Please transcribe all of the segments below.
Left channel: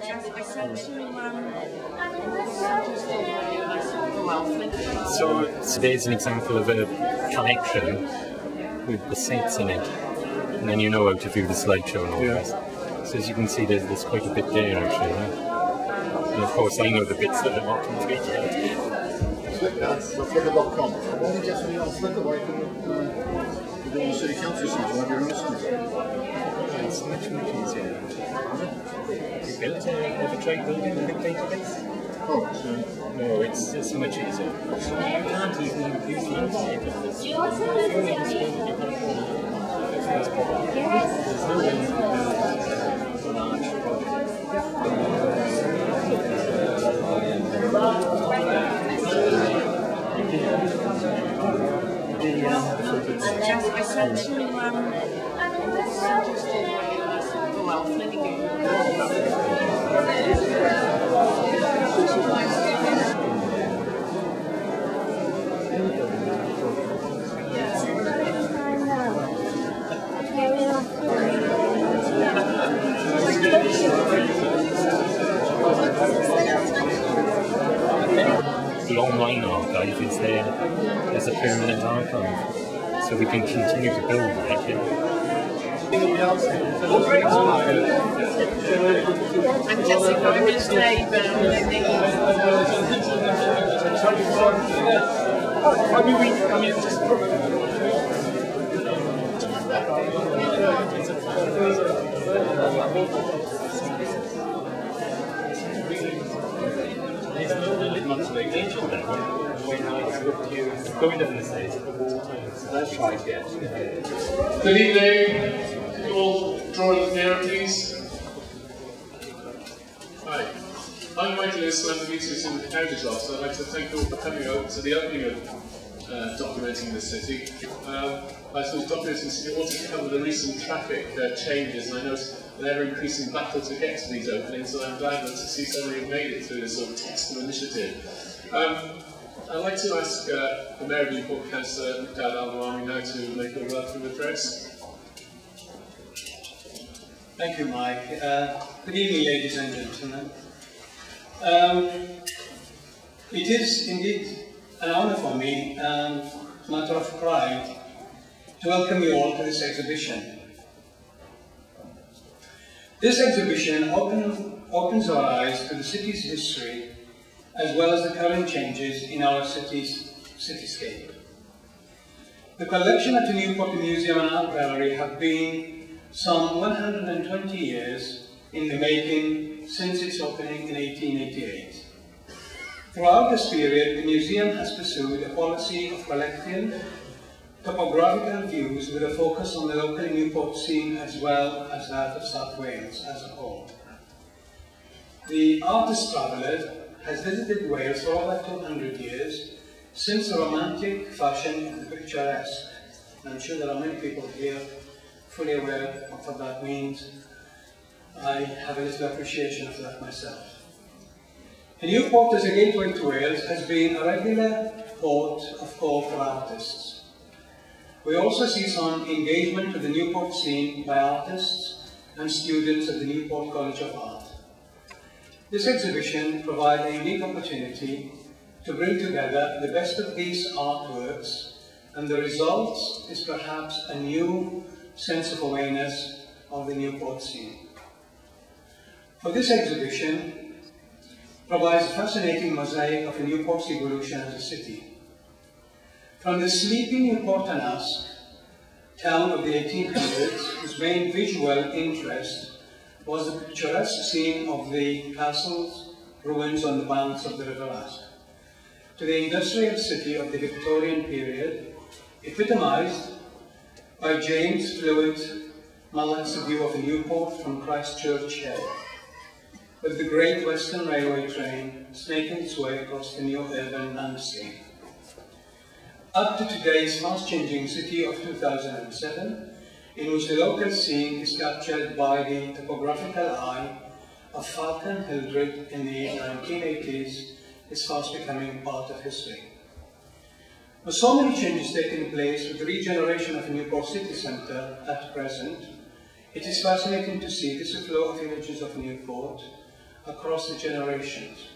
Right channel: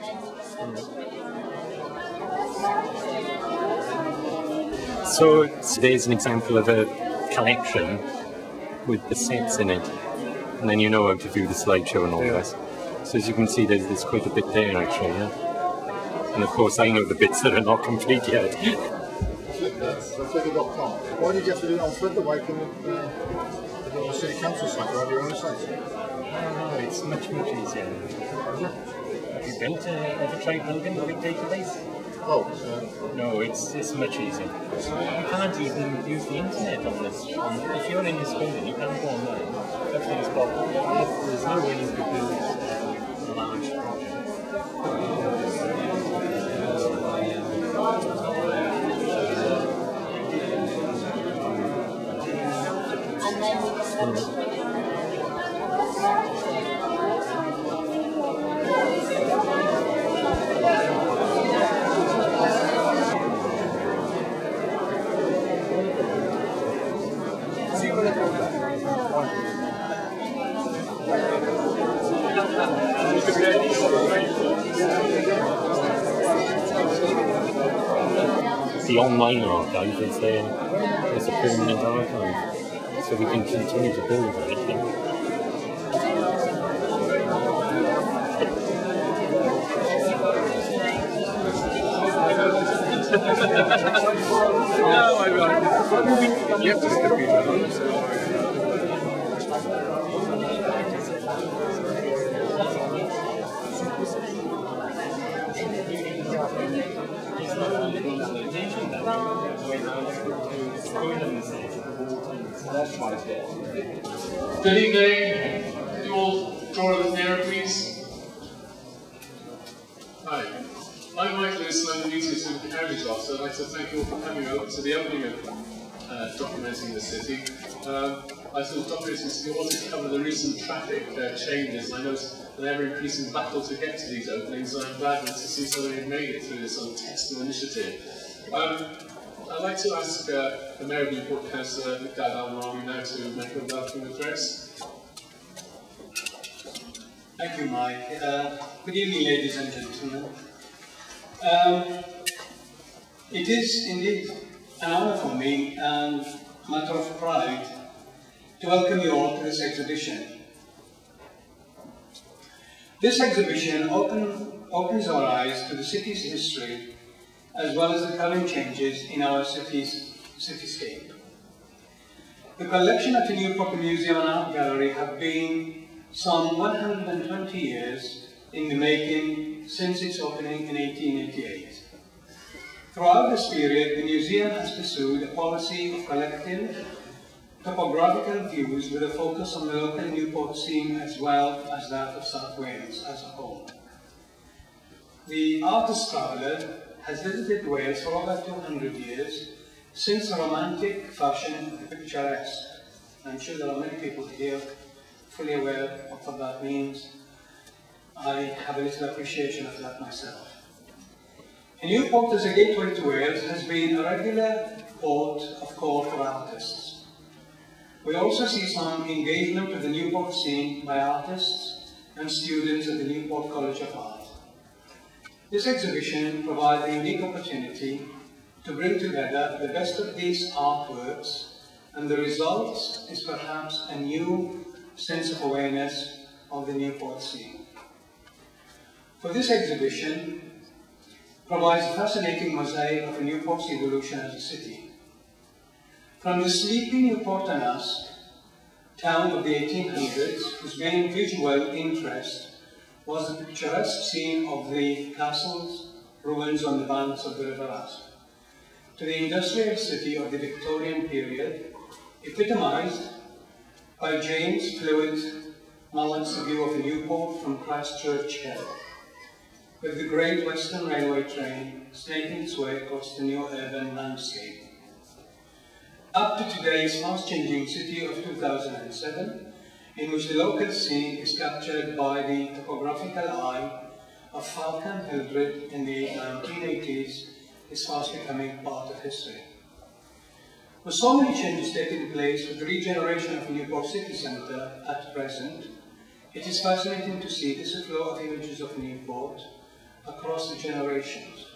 So today's an example of a collection with the seats in it, and then you know how to view the slideshow and all this. So as you can see, there's quite a bit there actually. And of course, I know the bits that are not complete yet. Flickr, so Flickr.com. Why did you have to do it on Flickr? Why couldn't you do it on the City Council site or have your own site? No, it's much easier. Have you built ever tried building a big database? Oh, no, it's much easier. You can't even use the internet on this. If you're in this building, you can't go online. Everything's blocked. There's no way you could build a large project. And then we can send it the online archive is there as a permanent archive, so we can continue to build it. and Jessica, I'm going to stay There's no limitation then when I spoke to you going down the stairs at the wall times. That's right, yes. Good evening. Could you all draw a little nearer, please? Hi. I'm Michael Lewis and I'm the Museums and Heritage Officer. I'd like to thank you all for coming out to the opening of Documenting the City. I suppose Documenting the City ought to cover the recent traffic changes, and I noticed an ever-increasing battle to get to these openings, and I'm glad to see so many have made it through this sort of test of initiative. I'd like to ask the Mayor of Newport, Councillor Dad Al-Nawami, now to make a welcome address. Thank you, Mike. Good evening, ladies and gentlemen. It is indeed an honour for me and a matter of pride to welcome you all to this exhibition. This exhibition opens our eyes to the city's history as well as the current changes in our city's cityscape. The collection at the Newport Museum and Art Gallery have been some 120 years in the making since its opening in 1888. Throughout this period, the museum has pursued a policy of collecting topographical views with a focus on the local Newport scene as well as that of South Wales as a whole. The artist traveller has visited Wales for over 200 years since the romantic fashion of the picturesque. I'm sure there are many people here fully aware of what that means. I have a little appreciation of that myself. And Newport as a gateway to Wales has been a regular port of call for artists. We also see some engagement with the Newport scene by artists and students at the Newport College of Art. This exhibition provides a unique opportunity to bring together the best of these artworks, and the result is perhaps a new sense of awareness of the Newport scene. For this exhibition provides a fascinating mosaic of a Newport's evolution as a city. From the sleepy Newport-on-Usk town of the 1800s, whose main visual interest was the picturesque scene of the castle's ruins on the banks of the River Usk, to the industrial city of the Victorian period, epitomized by James Flewitt Mallock's view of Newport from Christchurch Hill, with the Great Western Railway train snaking its way across the new urban landscape. Up to today's fast-changing city of 2007, in which the local scene is captured by the topographical eye of Falcon Hildred in the 1980s, is fast becoming part of history. With so many changes taking place with the regeneration of Newport city centre at present, it is fascinating to see this flow of images of Newport across the generations.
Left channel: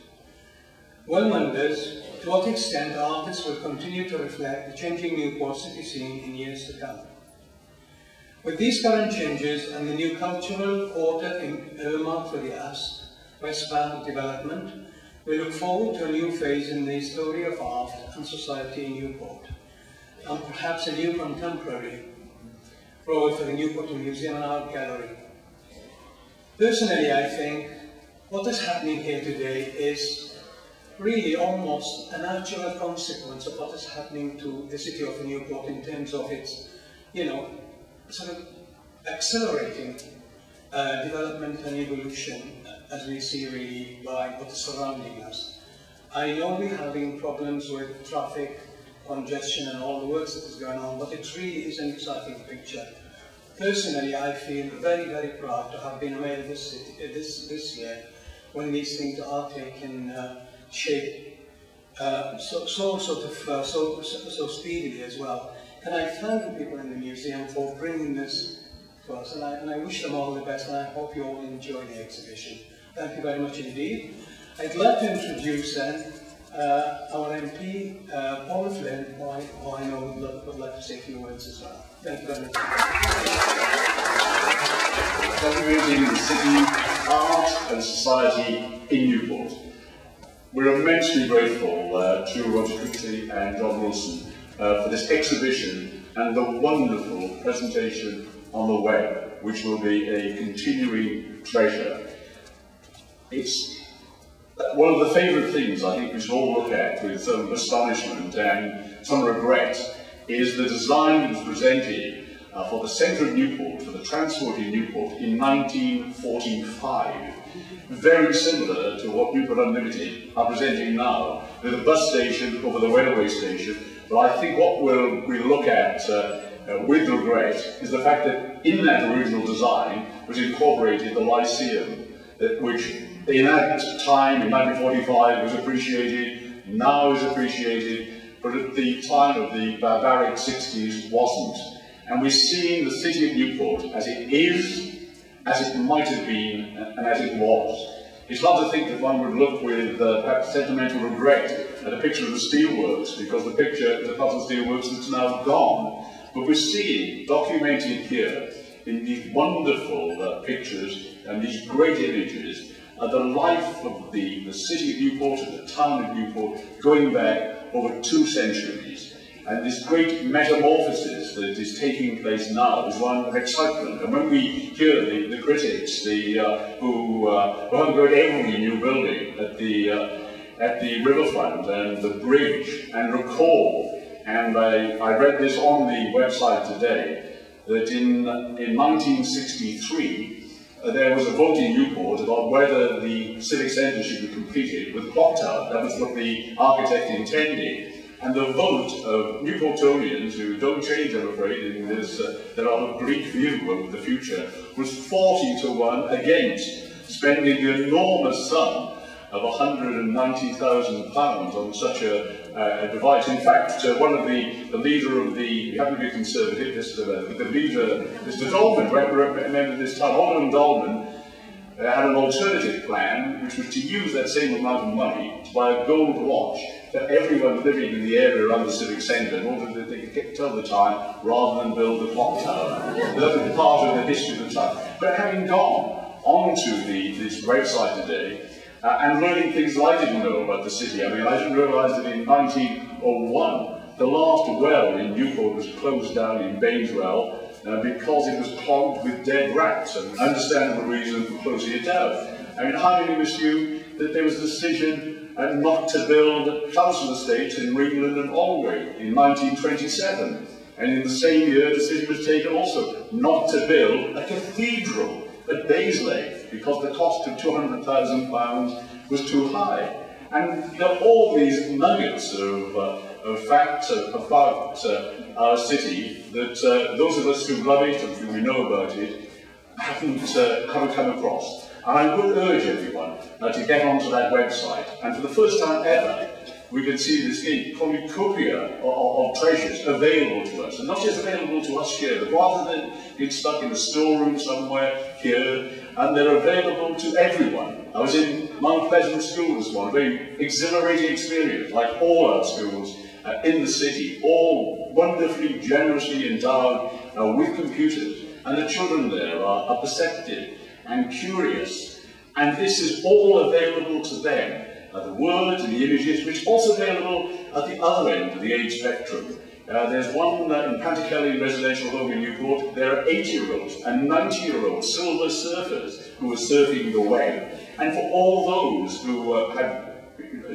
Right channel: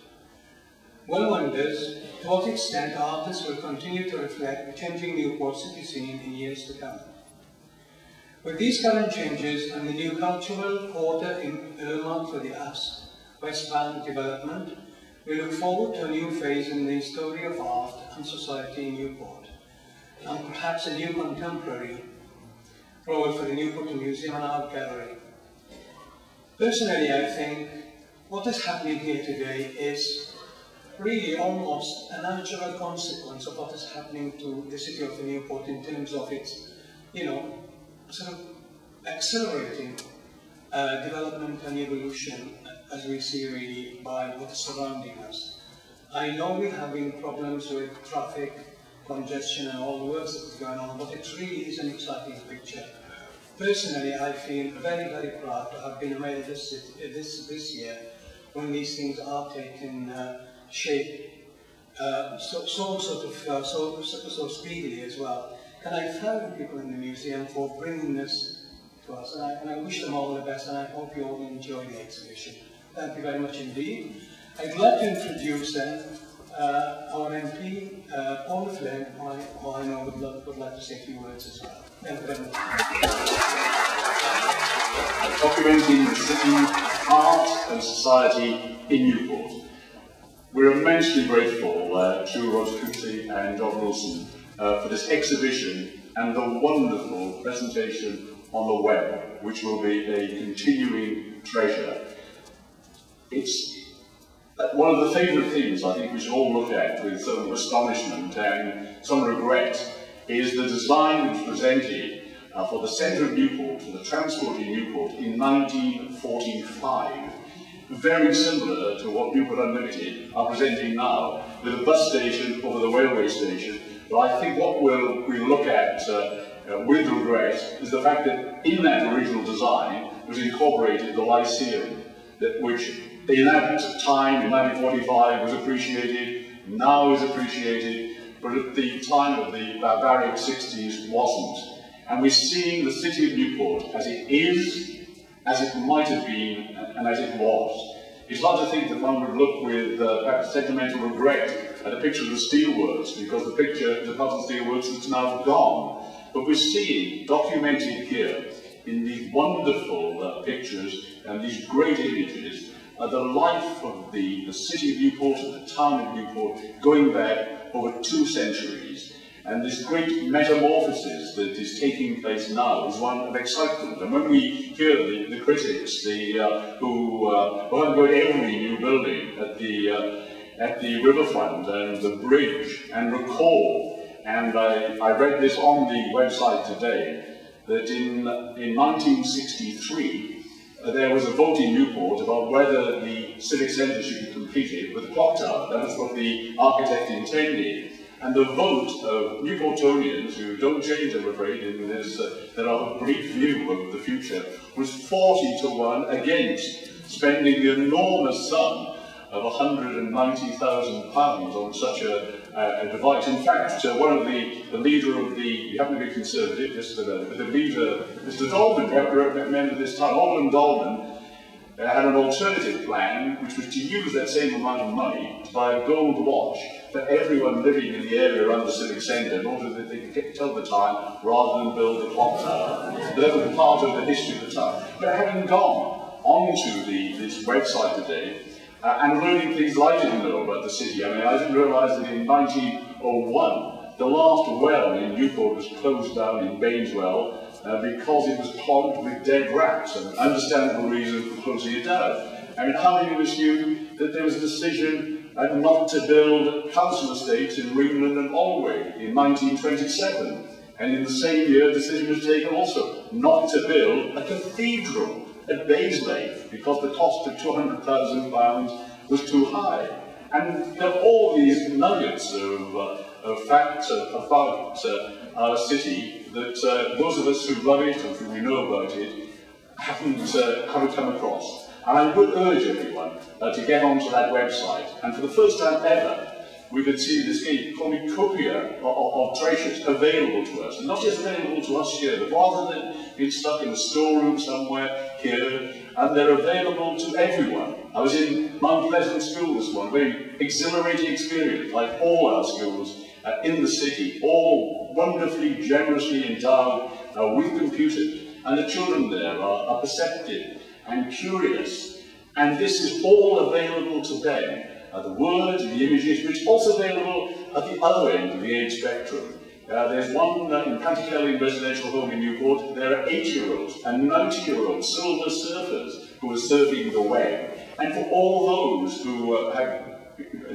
One wonders to what extent artists will continue to reflect the changing Newport city scene in years to come. With these current changes and the new cultural quarter earmarked for the West Bank development, we look forward to a new phase in the story of art and society in Newport, and perhaps a new contemporary role for the Newport Museum and Art Gallery. Personally, I think what is happening here today is really almost a natural consequence of what is happening to the city of Newport in terms of its, sort of accelerating development and evolution, as we see really by what is surrounding us. I know we're having problems with traffic, congestion and all the work that is going on, but it really is an exciting picture. Personally, I feel very, very proud to have been a mayor of this city this year when these things are taking shape so speedily as well. And I thank the people in the museum for bringing this to us, and I wish them all the best, and I hope you all enjoy the exhibition. Thank you very much indeed. I'd like to introduce then our MP, Paul Flynn, who I know would like to say a few words as well. Thank you very much. Documenting the city, art and society in Newport. We're immensely grateful to Roger Cooksey and John Wilson for this exhibition and the wonderful presentation on the web, which will be a continuing treasure. It's one of the favourite things I think we should all look at with some astonishment and some regret is the design that was presented for the centre of Newport, for the transport in Newport in 1945. Very similar to what Newport Unlimited are presenting now, with a bus station over the railway station. But I think what we'll look at with regret is the fact that in that original design was incorporated the Lyceum, which in that time, in 1945, was appreciated, now is appreciated, but at the time of the barbaric 60s wasn't. And we're seeing the city of Newport as it is, as it might have been, and as it was. It's not to think that one would look with perhaps sentimental regret at a picture of the steelworks, because the picture is a part of the steelworks that's now gone. But we're seeing, documented here, in these wonderful pictures and these great images, the life of the city of Newport and the town of Newport going back over 2 centuries. And this great metamorphosis that is taking place now is one of excitement. And when we hear the critics, who haven't got every new building at the riverfront and the bridge, and recall, and I read this on the website today, that in 1963 there was a vote in Newport about whether the civic centre should be completed with a clock tower. That was what the architect intended. And the vote of Newportonians, who don't change, I'm afraid, in this rather bleak view of the future, was 40-1 against spending the enormous sum of £190,000 on such a device. In fact, one of the leader of the, you happen to be conservative, but the leader, Mr. Dolman, remember this time, Alderman Dolman, had an alternative plan, which was to use that same amount of money to buy a gold watch for everyone living in the area around the civic centre, in order that they could tell the time rather than build the clock tower. So that was part of the history of the town. But having gone onto this website today, and learning things that I didn't know about the city. I mean, I didn't realise that in 1901, the last well in Newport was closed down in Baineswell because it was clogged with dead rats, an understandable reason for closing it down. I mean, how many of us knew that there was a decision not to build council estates in Ringland and Allway in 1927? And in the same year, a decision was taken also not to build a cathedral at Basley, because the cost of £200,000 was too high. And there are all these nuggets of facts about our city that those of us who love it and who we know about it haven't come across. And I would urge everyone to get onto that website, and for the first time ever, we could see this cornucopia of treasures available to us. And not just available to us here, but rather than being stuck in a storeroom somewhere here, and they're available to everyone. I was in Mount Pleasant School this morning, a very exhilarating experience, like all our schools in the city, all wonderfully, generously endowed with computers. And the children there are perceptive and curious, and this is all available to them. The words and the images, which are also available at the other end of the age spectrum. There's one in Pantycelyn Residential Home in Newport. There are 8-year-olds and 90-year-old silver surfers who are surfing the web. And for all those who have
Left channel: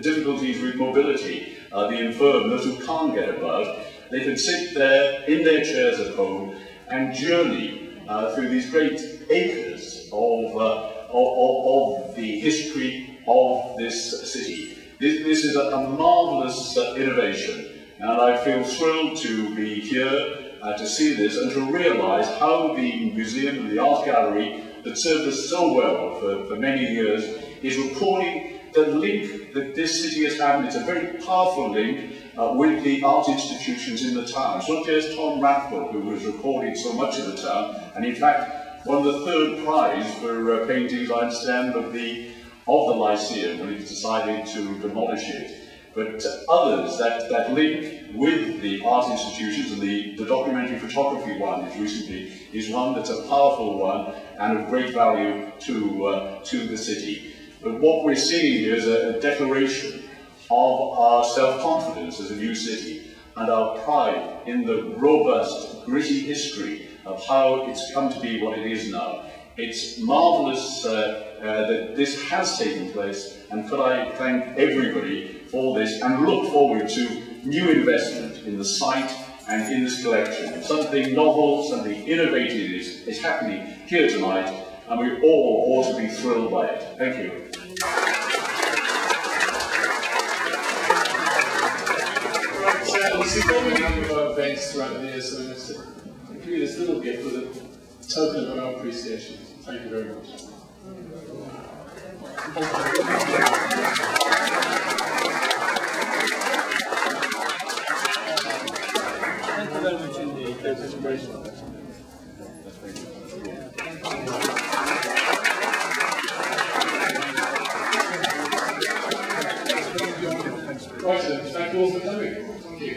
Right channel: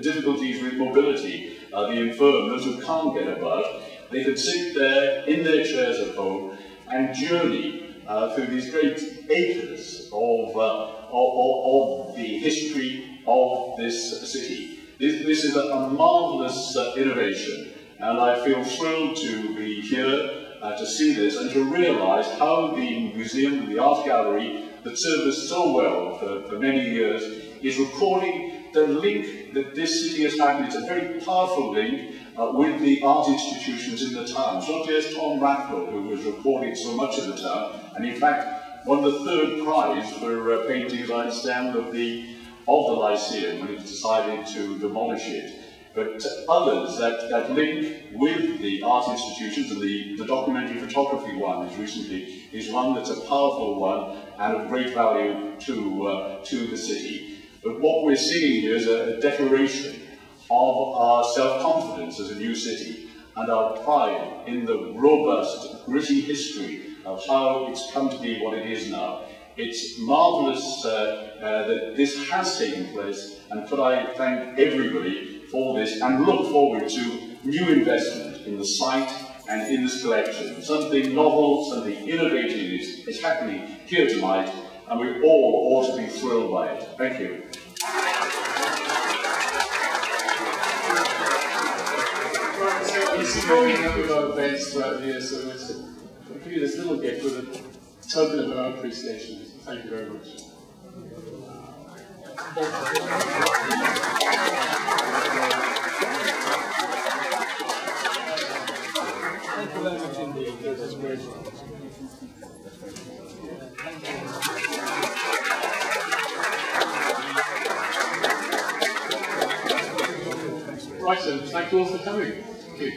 difficulties with mobility, the infirm, those who can't get about, they can sit there in their chairs at home and journey through these great acres of the history of this city. This is a marvellous innovation. And I feel thrilled to be here to see this and to realise how the museum and the art gallery that served us so well for many years is recording the link that this city has had, and it's a very powerful link with the art institutions in the town. It's not just Tom Rathwell who was recording so much of the town, and in fact won the 3rd prize for paintings, I understand, of the Lyceum when it was decided to demolish it. But others, that link with the art institutions, and the documentary photography one is one that's a powerful one and of great value to the city. But what we're seeing here is a declaration of our self-confidence as a new city and our pride in the robust, gritty history of how it's come to be what it is now. It's marvellous that this has taken place, and could I thank everybody for this and look forward to new investment in the site and in this collection. Something novel, something innovative is happening here tonight, and we all ought to be thrilled by it. Thank you. You see, we've been having a number of events throughout the year, so we want to give you this little gift with a token of our appreciation. Thank you very much. Thank you very much indeed. That's great. Right then, thank you all for coming. Thank you.